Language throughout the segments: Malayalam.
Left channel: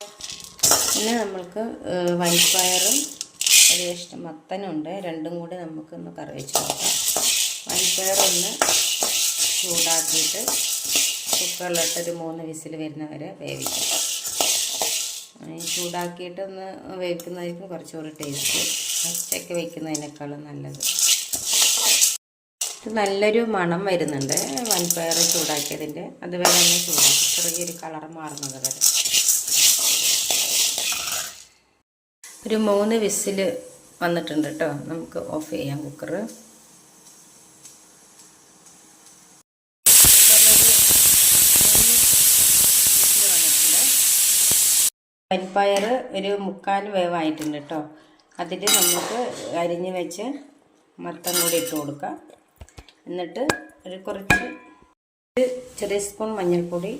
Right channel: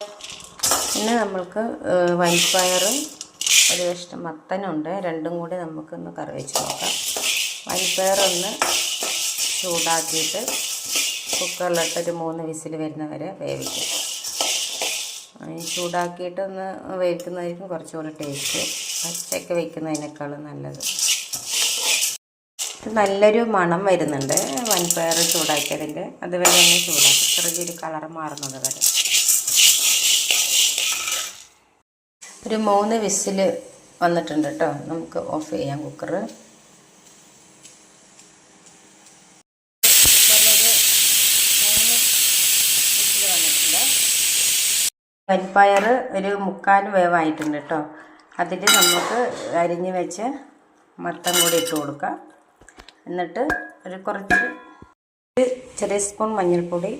പിന്നെ നമ്മൾക്ക് വൻപയറും ഒരു കഷ്ണം മത്തനുണ്ട്. രണ്ടും കൂടി നമുക്കൊന്ന് കറി വെച്ച് നോക്കാം. വൻപയറൊന്ന് ചൂടാക്കിയിട്ട് കുക്കറിലിട്ടൊരു 3 വിസിൽ വരുന്നവരെ വേവിക്കാം. ചൂടാക്കിയിട്ടൊന്ന് വേവിക്കുന്നതായിരിക്കും കുറച്ചുകൂടി ടേസ്റ്റ്. പച്ചയ്ക്ക് വയ്ക്കുന്നതിനേക്കാളും നല്ലത്. നല്ലൊരു മണം വരുന്നുണ്ട് വൻപയർ ചൂടാക്കിയതിൻ്റെ. അതുവരെ ഒന്ന് ചൂടാക്കി ചെറിയൊരു കളർ മാറുന്നത് വരെ. ഒരു 3 വിസിൽ വന്നിട്ടുണ്ട് കേട്ടോ. നമുക്ക് ഓഫ് ചെയ്യാം കുക്കർ. വൻപയർ ഒരു 3/4 വേവായിട്ടുണ്ട് കേട്ടോ. അതിൽ നമുക്ക് അരിഞ്ഞ് വെച്ച് മത്തൻ കൂടി ഇട്ട് കൊടുക്കാം. എന്നിട്ട് കുറച്ച് ചെറിയ സ്പൂൺ മഞ്ഞൾപ്പൊടി,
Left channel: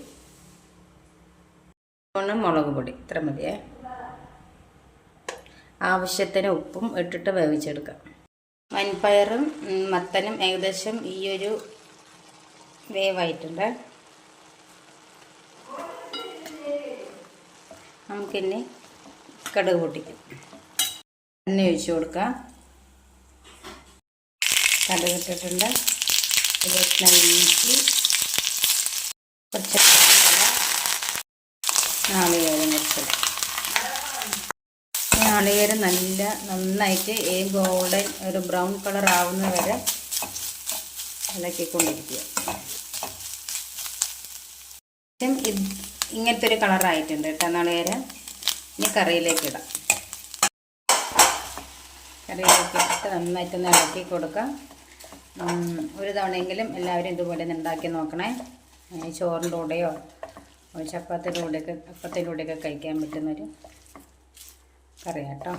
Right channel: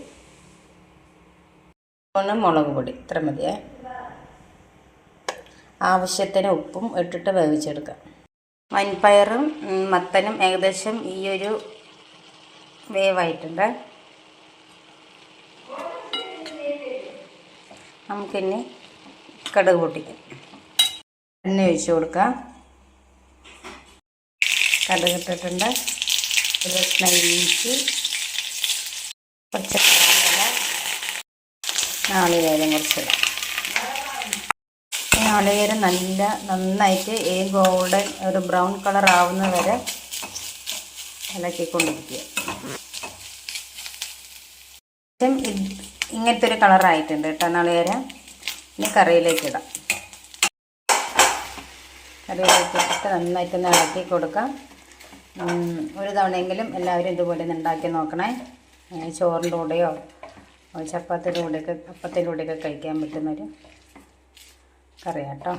മുളക് പൊടി, ഇത്ര മതിയേ. ആവശ്യത്തിന് ഉപ്പും ഇട്ടിട്ട് വേവിച്ചെടുക്കാം. വൻപയറും മത്തനും ഏകദേശം ഈ ഒരു വേവായിട്ടുണ്ട്. നമുക്കിനി കടുക് പൊട്ടിക്കാം. എണ്ണ ഒഴിച്ച് കൊടുക്കാം. കടുക് ഇട്ടിട്ടുണ്ട്. ഇഞ്ചി, കുറച്ച് നാളികേരം കുറച്ചിടാം. നാളികേരം നന്നായിട്ട് ഗോൾഡൻ ഒരു ബ്രൗൺ കളർ ആവുന്ന വരെ ഇളക്കിക്കൊണ്ടിരിക്കുക. ഇങ്ങനത്തെ ഒരു കളറായിട്ടുണ്ട് കേട്ടോ നാളികേരം. ഇനി കറിയിലേക്ക് ഇടാം. കറിയിലേക്ക് ഇട്ടിട്ട് നന്നായിട്ടൊന്ന് ഇളക്കി കൊടുക്കാം. ഒരു തവണയെങ്കിലും എല്ലാവരും ഇതുപോലെ ഒന്ന് ഉണ്ടാക്കി നോക്കണേ. ചോറിൻ്റെ കൂടെയോ ചപ്പാത്തിയുടെ കൂടെയൊക്കെ അപ്പത്തിൻ്റെ കൂടെയൊക്കെ കഴിക്കാൻ പറ്റുന്നൊരു കറി കേട്ടോ.